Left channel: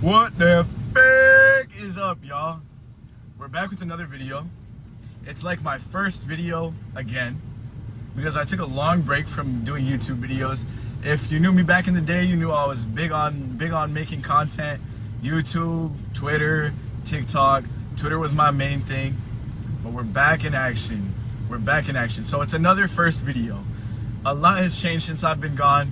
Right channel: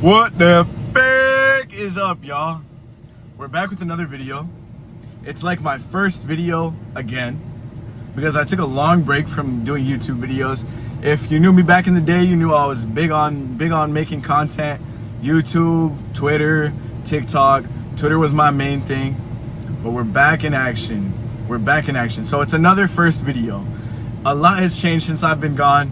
What the heck is up, y'all? We're back with another video. It's like my first video again because I took a long break from doing YouTube videos. If you knew me back in the day, you knew I was big on making content. YouTube, Twitter, TikTok. Twitter was my main thing, but we're back in action. We're back in action. So it's another first video. A lot has changed since I've been gone,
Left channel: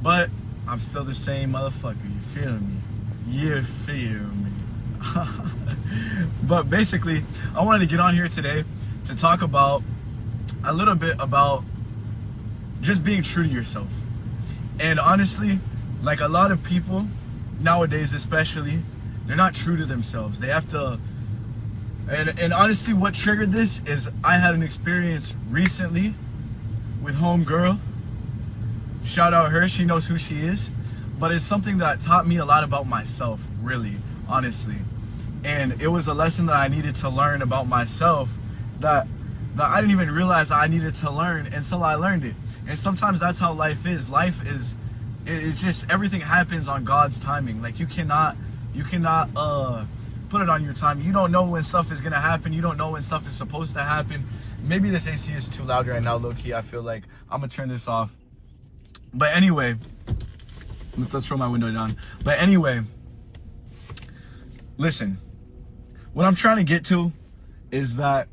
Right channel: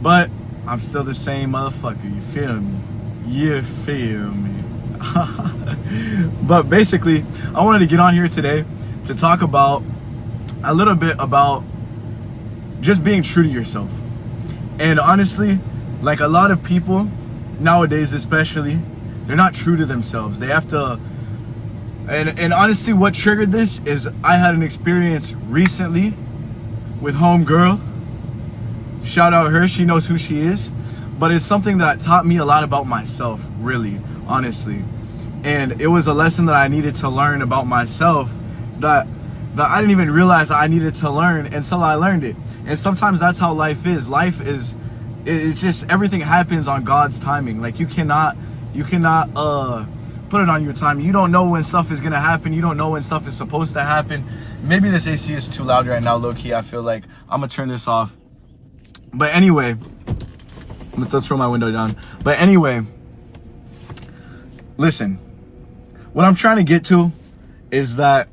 but I'm still the same motherfucker, you feel me? You feel me? But basically, I wanted to get on here today to talk about a little bit about just being true to yourself. And honestly, like a lot of people nowadays especially, they're not true to themselves. They have to, and honestly what triggered this is I had an experience recently with homegirl. Shout out her, she knows who she is. But it's something that taught me a lot about myself, really, honestly. And it was a lesson that I needed to learn about myself that I didn't even realize I needed to learn until I learned it. And sometimes that's how life is. Life is, it's just everything happens on God's timing. Like you cannot put it on your time. You don't know when stuff is gonna happen. You don't know when stuff is supposed to happen. Maybe this AC is too loud right now, low key. I feel like I'm gonna turn this off. But anyway, let's throw my window down. But anyway, listen, what I'm trying to get to is that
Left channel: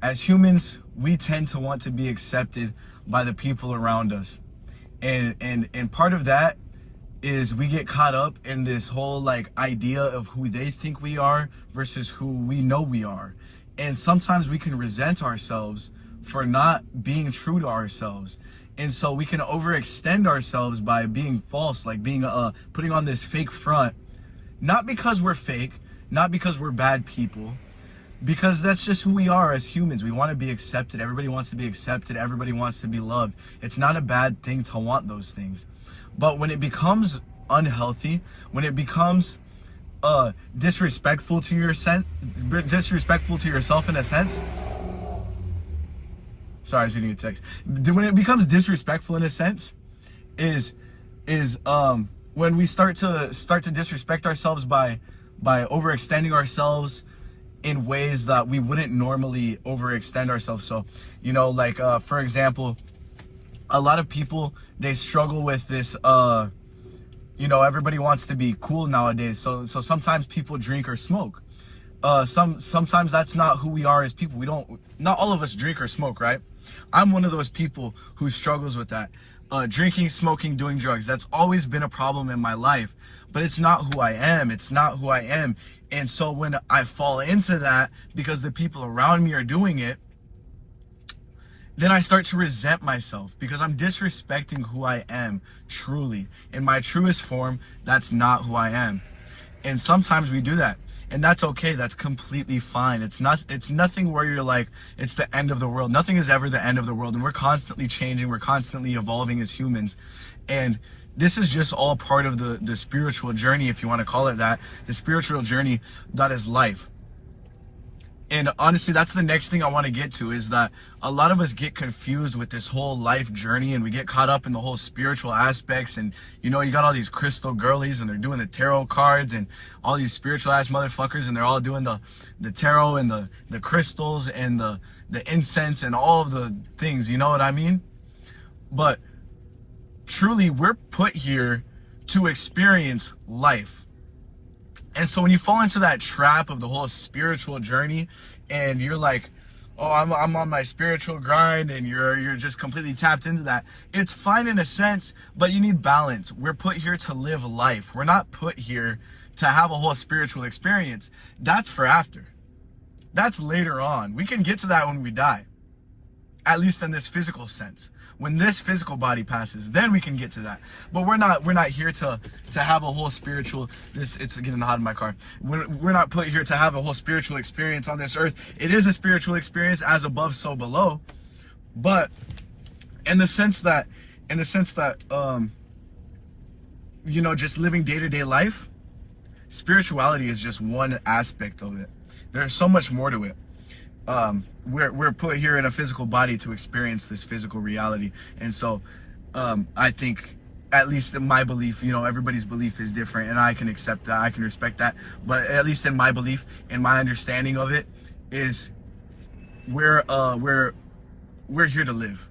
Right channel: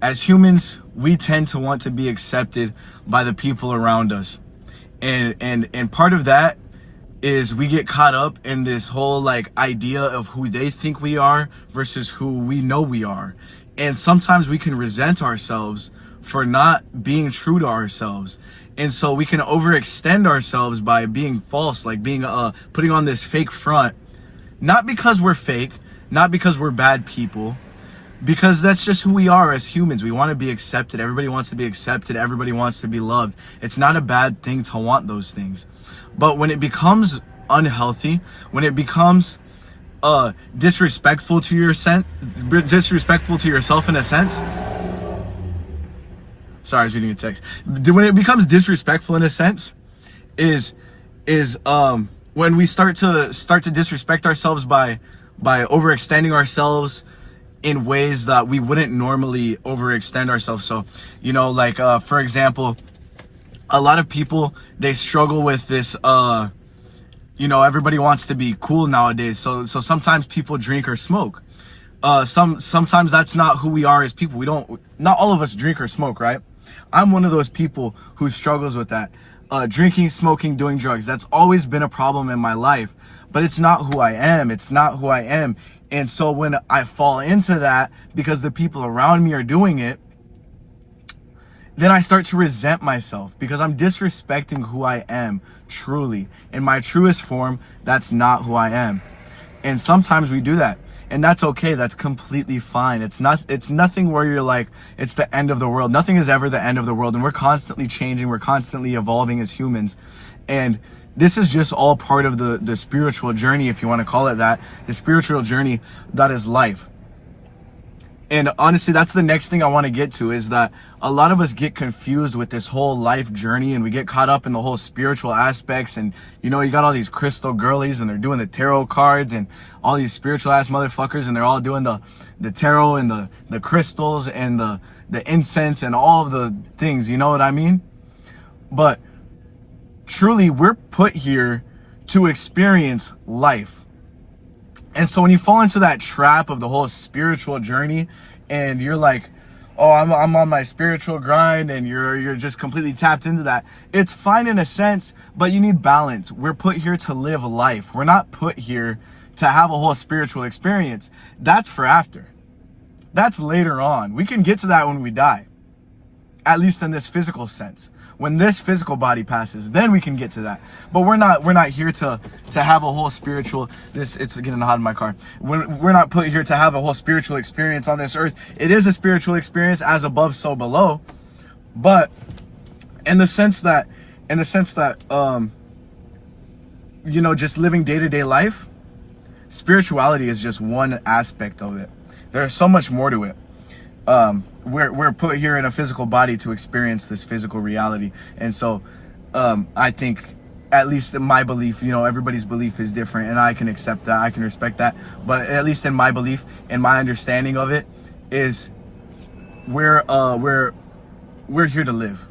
as humans, we tend to want to be accepted by the people around us. And part of that is we get caught up in this whole like idea of who they think we are versus who we know we are. And sometimes we can resent ourselves for not being true to ourselves. And so we can overextend ourselves by being false, like being putting on this fake front, not because we're fake, not because we're bad people, because that's just who we are as humans. We want to be accepted. Everybody wants to be accepted. Everybody wants to be loved. It's not a bad thing to want those things. But when it becomes unhealthy, when it becomes disrespectful to yourself in a sense. Sorry, I was reading a text. When it becomes disrespectful in a sense, is when we start to disrespect ourselves by overextending ourselves in ways that we wouldn't normally overextend ourselves. So, you know, like for example, a lot of people, they struggle with this. You know, everybody wants to be cool nowadays. So sometimes people drink or smoke. Sometimes that's not who we are as people. Not all of us drink or smoke, right? I'm one of those people who struggles with that. Drinking, smoking, doing drugs. That's always been a problem in my life, but it's not who I am. It's not who I am. And so when I fall into that because the people around me are doing it, then I start to resent myself because I'm disrespecting who I am truly. In my truest form, that's not who I am. And sometimes we do that. And that's okay. That's completely fine. It's nothing where you're like, it's the end of the world. Nothing is ever the end of the world. And we're constantly changing. We're constantly evolving as humans. And this is just all part of the spiritual journey, if you want to call it that. The spiritual journey that is life. And honestly, that's the next thing I want to get to, is that a lot of us get confused with this whole life journey and we get caught up in the whole spiritual aspects. And, you know, you got all these crystal girlies and they're doing the tarot cards and all these spiritual ass motherfuckers and they're all doing the tarot and the crystals and the incense and all of the things, you know what I mean? But truly, we're put here to experience life. And so when you fall into that trap of the whole spiritual journey and you're like, oh, I'm on my spiritual grind, and you're just completely tapped into that, it's fine in a sense, but you need balance. We're put here to live life. We're not put here to have a whole spiritual experience. That's for after. That's later on. We can get to that when we die, at least in this physical sense. When this physical body passes, then we can get to that. But we're not here to have a whole spiritual, it's getting hot in my car. We're not put here to have a whole spiritual experience on this earth. It is a spiritual experience, as above, so below. But in the sense that, you know, just living day-to-day life, spirituality is just one aspect of it. There's so much more to it. We're put here in a physical body to experience this physical reality. And so I think at least in my belief, you know, everybody's belief is different, and I can accept that, I can respect that, but at least in my belief and my understanding of it is we're here to live.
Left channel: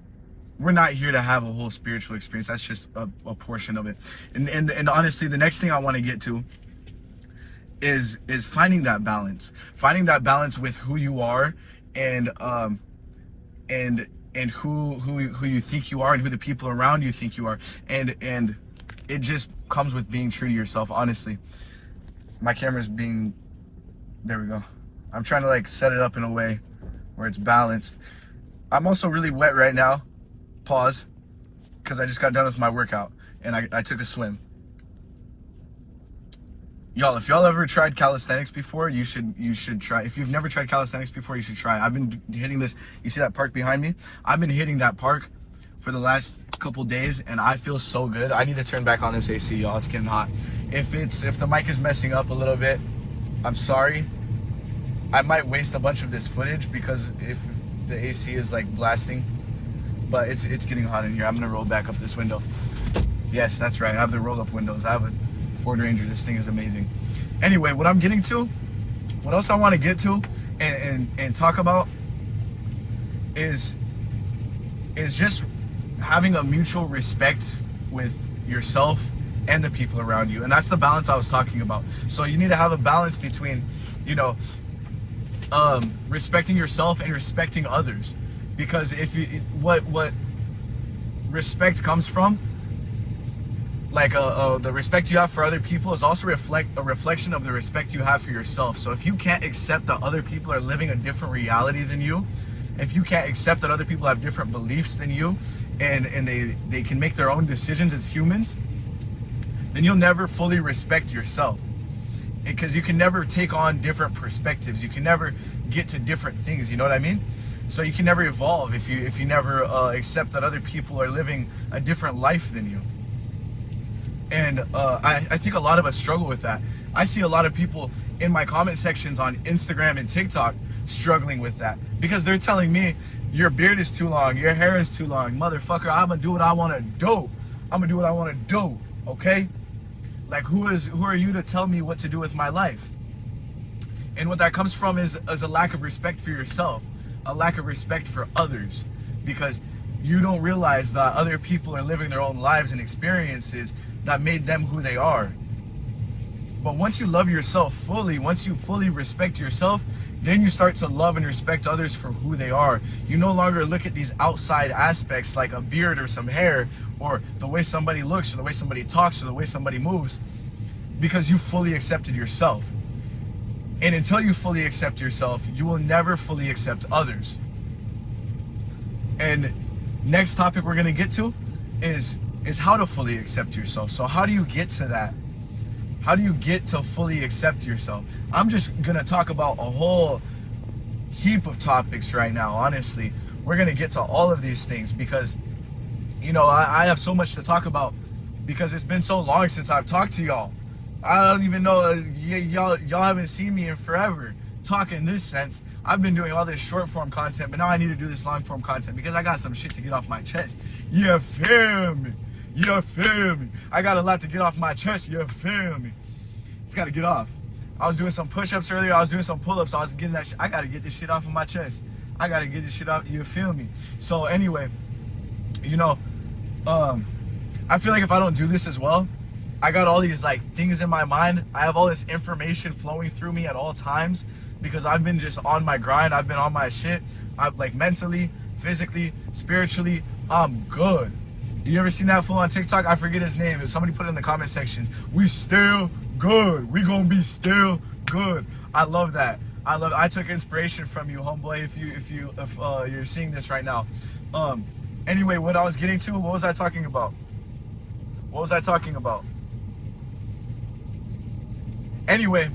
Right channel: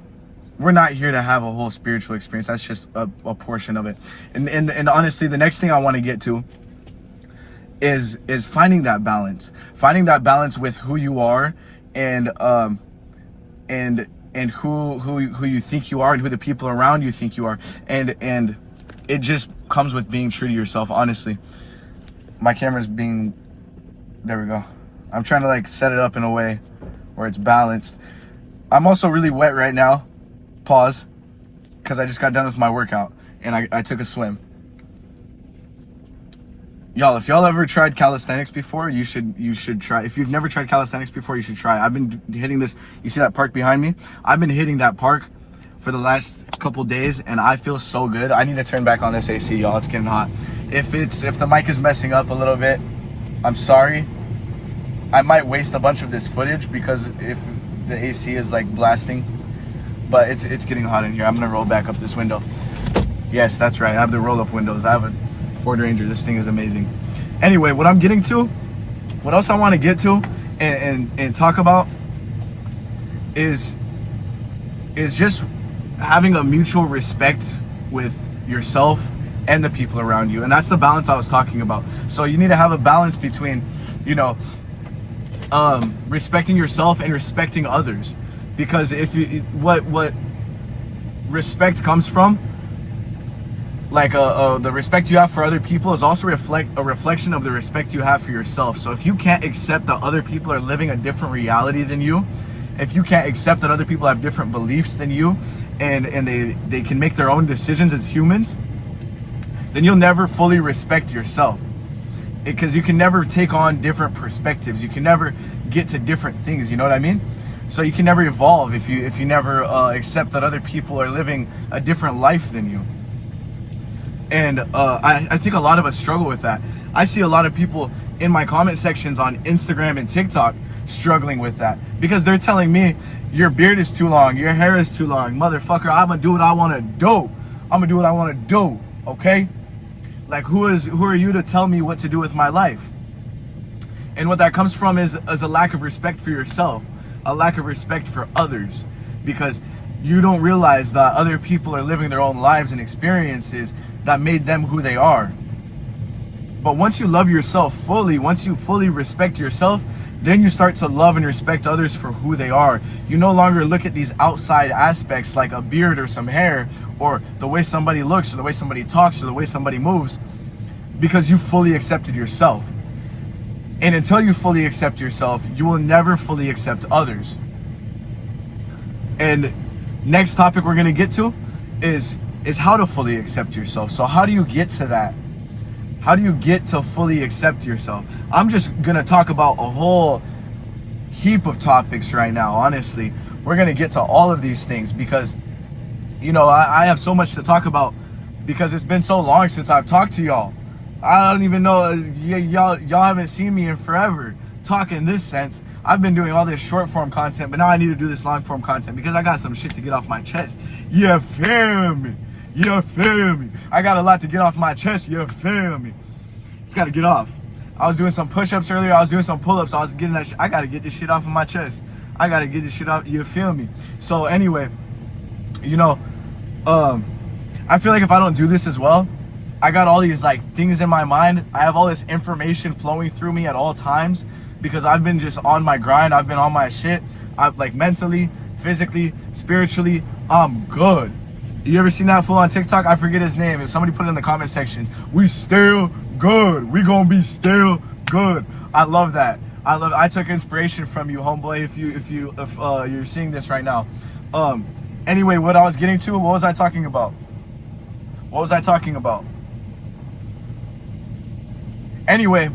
We're not here to have a whole spiritual experience. That's just a portion of it. And honestly, the next thing I want to get to is finding that balance with who you are and who you think you are and who the people around you think you are, and it just comes with being true to yourself. Honestly, my camera's being, there we go. I'm trying to like set it up in a way where it's balanced. I'm also really wet right now. Pause, because I just got done with my workout and I took a swim. Y'all, if y'all ever tried calisthenics before, you should try. If you've never tried calisthenics before, you should try. I've been hitting this. You see that park behind me? I've been hitting that park for the last couple days, and I feel so good. I need to turn back on this AC, y'all. It's getting hot. If the mic is messing up a little bit, I'm sorry. I might waste a bunch of this footage because if the AC is like blasting, but it's getting hot in here. I'm gonna roll back up this window. Yes, that's right. I have the roll-up windows. I have a Ford Ranger. This thing is amazing. Anyway, what I'm getting to, what else I want to get to and talk about is just having a mutual respect with yourself and the people around you. And that's the balance I was talking about. So you need to have a balance between, you know, respecting yourself and respecting others. Because if you, what respect comes from, like the respect you have for other people is also a reflection of the respect you have for yourself. So if you can't accept that other people are living a different reality than you, if you can't accept that other people have different beliefs than you, and they can make their own decisions as humans, then you'll never fully respect yourself. Because you can never take on different perspectives. You can never get to different things, you know what I mean? So you can never evolve if you never accept that other people are living a different life than you. And I think a lot of us struggle with that. I see a lot of people in my comment sections on Instagram and TikTok struggling with that, because they're telling me, your beard is too long, your hair is too long, motherfucker, I'm gonna do what I want to do. I'm gonna do what I want to do, okay? Like, who are you to tell me what to do with my life? And what that comes from is a lack of respect for yourself, a lack of respect for others, because you don't realize that other people are living their own lives and experiences that made them who they are. But once you love yourself fully, once you fully respect yourself, then you start to love and respect others for who they are. You no longer look at these outside aspects like a beard or some hair or the way somebody looks or the way somebody talks or the way somebody moves, because you fully accepted yourself. And until you fully accept yourself, you will never fully accept others. And next topic we're gonna get to is how to fully accept yourself. So how do you get to that? How do you get to fully accept yourself? I'm just gonna talk about a whole heap of topics right now, honestly. We're gonna get to all of these things because, you know, I have so much to talk about because it's been so long since I've talked to y'all. I don't even know, y'all haven't seen me in forever talk in this sense. I've been doing all this short form content, but now I need to do this long form content because I got some shit to get off my chest. You feel me? You feel me? I got a lot to get off my chest. You feel me? It's got to get off. I was doing some push-ups earlier. I was doing some pull-ups. I was getting that shit. I got to get this shit off of my chest. I got to get this shit off. You feel me? So anyway, you know, I feel like if I don't do this as well, I got all these like things in my mind. I have all this information flowing through me at all times because I've been just on my grind. I've been on my shit. I've like mentally, physically, spiritually, I'm good. You ever seen that fool on TikTok? I forget his name. If somebody put it in the comment sections, we still good. We gonna be still good. I love that. I took inspiration from you, homeboy. If you're seeing this right now. Anyway, what I was getting to, what was I talking about? Anyway,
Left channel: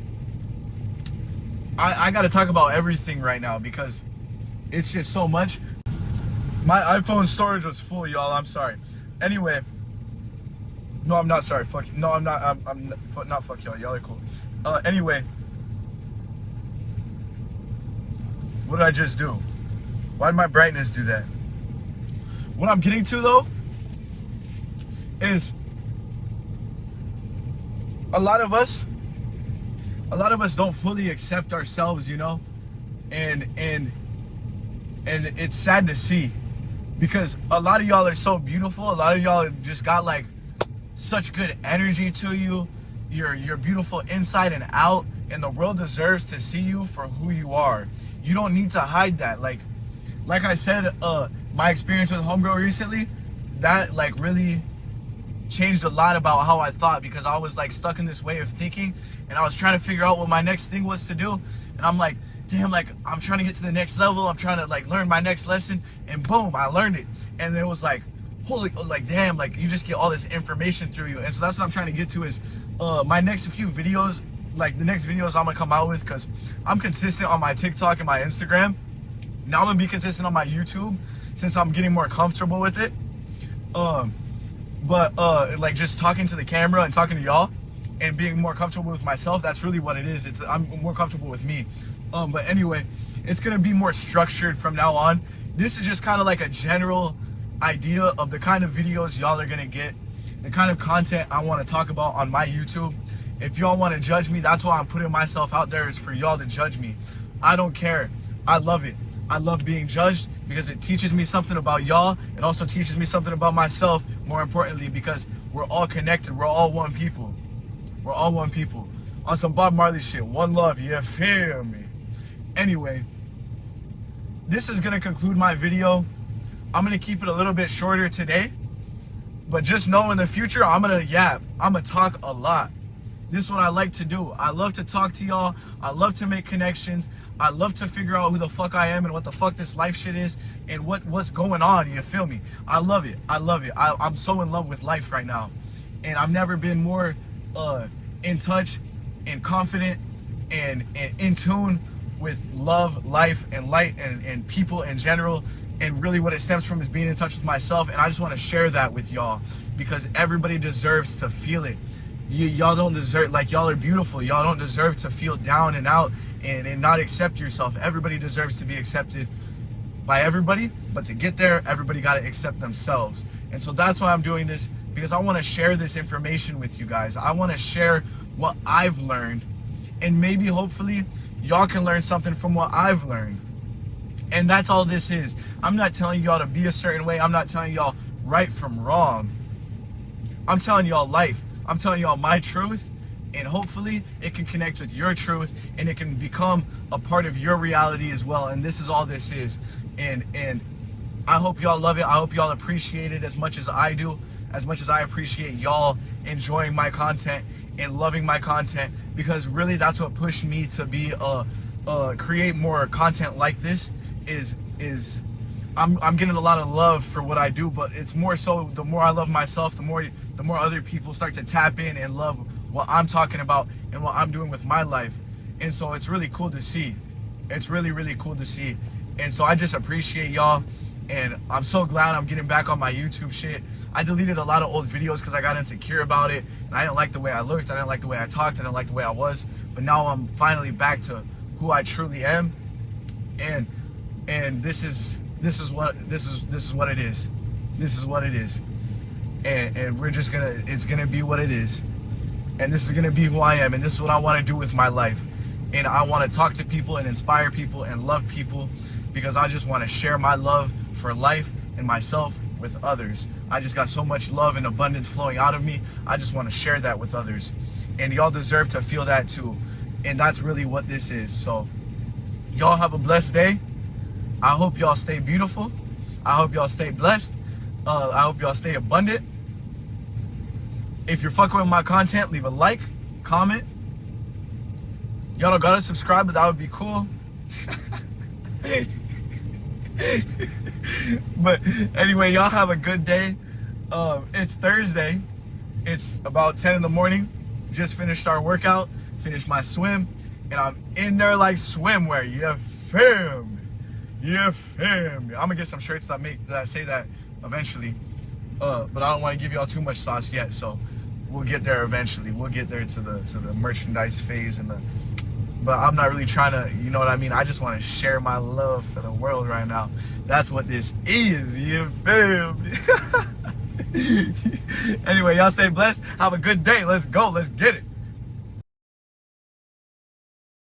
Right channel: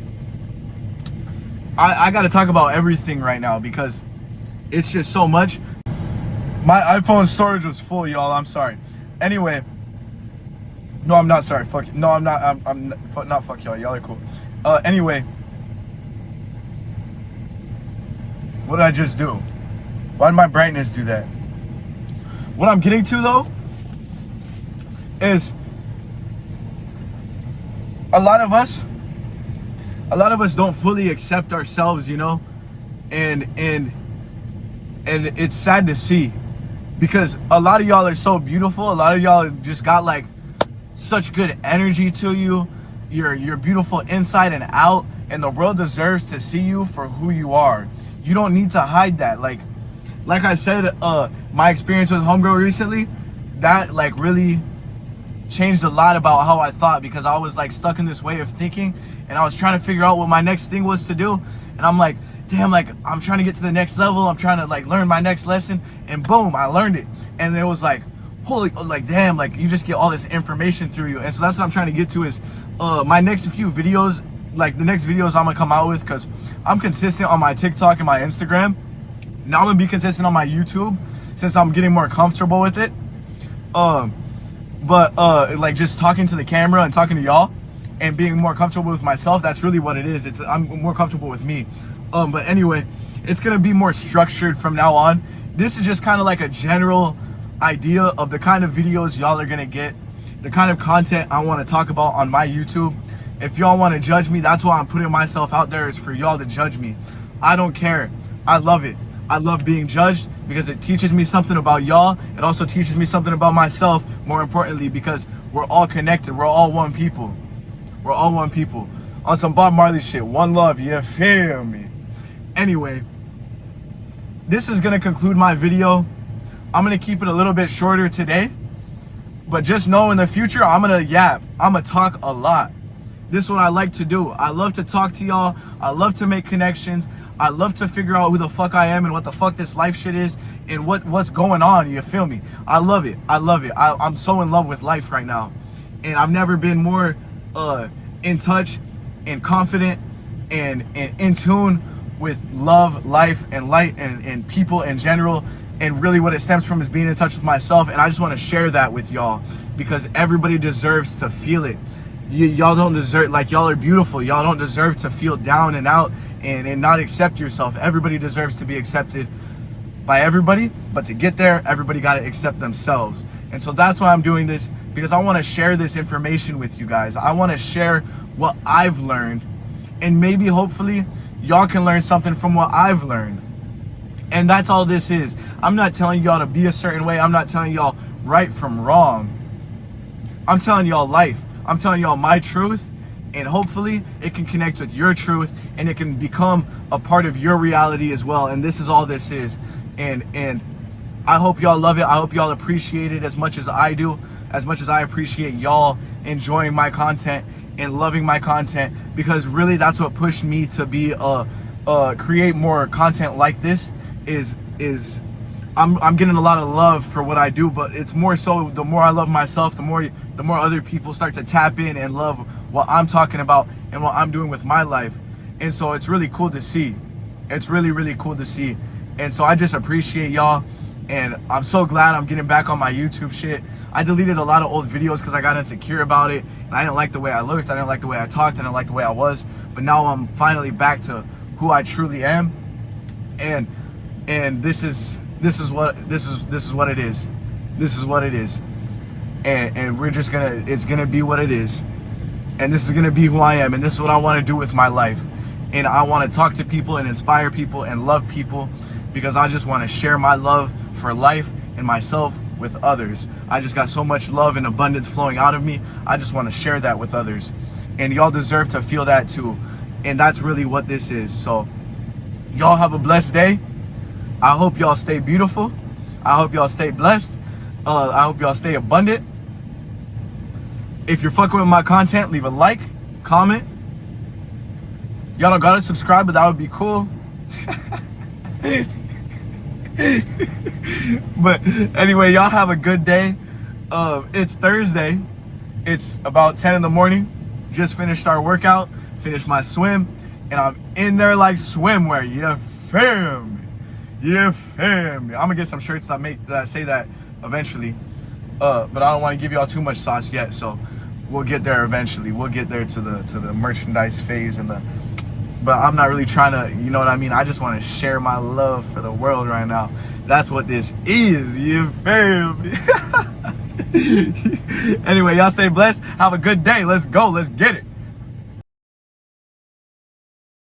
I gotta talk about everything right now because it's just so much. My iPhone storage was full, y'all. I'm sorry. Anyway, no, I'm not sorry. Fuck. No, I'm not. I'm not. Fuck y'all. Y'all are cool. Anyway, what did I just do? Why did my brightness do that? What I'm getting to though is a lot of us don't fully accept ourselves, you know, and it's sad to see, because a lot of y'all are so beautiful. A lot of y'all just got like such good energy to you. You're beautiful inside and out, and the world deserves to see you for who you are. You don't need to hide that. Like I said, my experience with homegirl recently, that like really changed a lot about how I thought, because I was like stuck in this way of thinking, and I was trying to figure out what my next thing was to do, and I'm like, damn, like I'm trying to get to the next level, I'm trying to like learn my next lesson, and boom, I learned it. And it was like, holy, like damn, like you just get all this information through you. And so that's what I'm trying to get to, is my next few videos, like the next videos I'm gonna come out with, because I'm consistent on my TikTok and my Instagram. Now I'm gonna be consistent on my YouTube since I'm getting more comfortable with it. But like just talking to the camera and talking to y'all and being more comfortable with myself, that's really what it is. I'm more comfortable with me. But anyway, it's gonna be more structured from now on. This is just kind of like a general idea of the kind of videos y'all are gonna get, the kind of content I want to talk about on my YouTube. If y'all want to judge me, that's why I'm putting myself out there, is for y'all to judge me. I don't care. I love it. I love being judged because it teaches me something about y'all. It also teaches me something about myself, more importantly, because we're all connected. We're all one people. We're all one people. On some Bob Marley shit. One love, you feel me? Anyway, this is going to conclude my video. I'm going to keep it a little bit shorter today. But just know in the future, I'm going to yap. I'm going to talk a lot. This is what I like to do. I love to talk to y'all. I love to make connections. I love to figure out who the fuck I am and what the fuck this life shit is and what's going on, you feel me? I love it. I love it. I'm so in love with life right now. And I've never been more in touch and confident and in tune with love, life, and light and people in general. And really what it stems from is being in touch with myself. And I just want to share that with y'all because everybody deserves to feel it. Y'all don't deserve, like, y'all are beautiful. Y'all don't deserve to feel down and out and not accept yourself. Everybody deserves to be accepted by everybody, but to get there, everybody got to accept themselves. And so that's why I'm doing this, because I want to share this information with you guys. I want to share what I've learned, and maybe hopefully y'all can learn something from what I've learned. And that's all this is. I'm not telling y'all to be a certain way. I'm not telling y'all right from wrong. I'm telling y'all life. I'm telling y'all my truth, and hopefully it can connect with your truth and it can become a part of your reality as well. And this is all this is. And I hope y'all love it. I hope y'all appreciate it as much as I do, as much as I appreciate y'all enjoying my content and loving my content, because really that's what pushed me to be create more content like this. Is I'm getting a lot of love for what I do, but it's more so the more I love myself, the more other people start to tap in and love what I'm talking about and what I'm doing with my life. And so it's really cool to see. It's really, really cool to see. And so I just appreciate y'all, and I'm so glad I'm getting back on my YouTube shit. I deleted a lot of old videos because I got insecure about it, and I didn't like the way I looked, I didn't like the way I talked, I didn't like the way I was. But now I'm finally back to who I truly am, and this is what it is. This is what it is. And we're just gonna, it's gonna be what it is. And this is gonna be who I am, and this is what I want to do with my life. And I want to talk to people and inspire people and love people, because I just want to share my love for life and myself with others. I just got so much love and abundance flowing out of me. I just want to share that with others, and y'all deserve to feel that too. And that's really what this is. So y'all have a blessed day. I hope y'all stay beautiful. I hope y'all stay blessed. I hope y'all stay abundant. If you're fucking with my content, leave a like, comment. Y'all don't gotta subscribe, but that would be cool. But anyway, y'all have a good day. It's Thursday. It's about 10 in the morning. Just finished our workout, finished my swim, and I'm in there like swimwear. You feel me? You feel me? I'm gonna get some shirts that say that eventually. But I don't want to give y'all too much sauce yet, so we'll get there eventually. We'll get there to the merchandise phase but I'm not really trying to, you know what I mean? I just want to share my love for the world right now. That's what this is. You feel me? Anyway, y'all stay blessed. Have a good day. Let's go. Let's get it.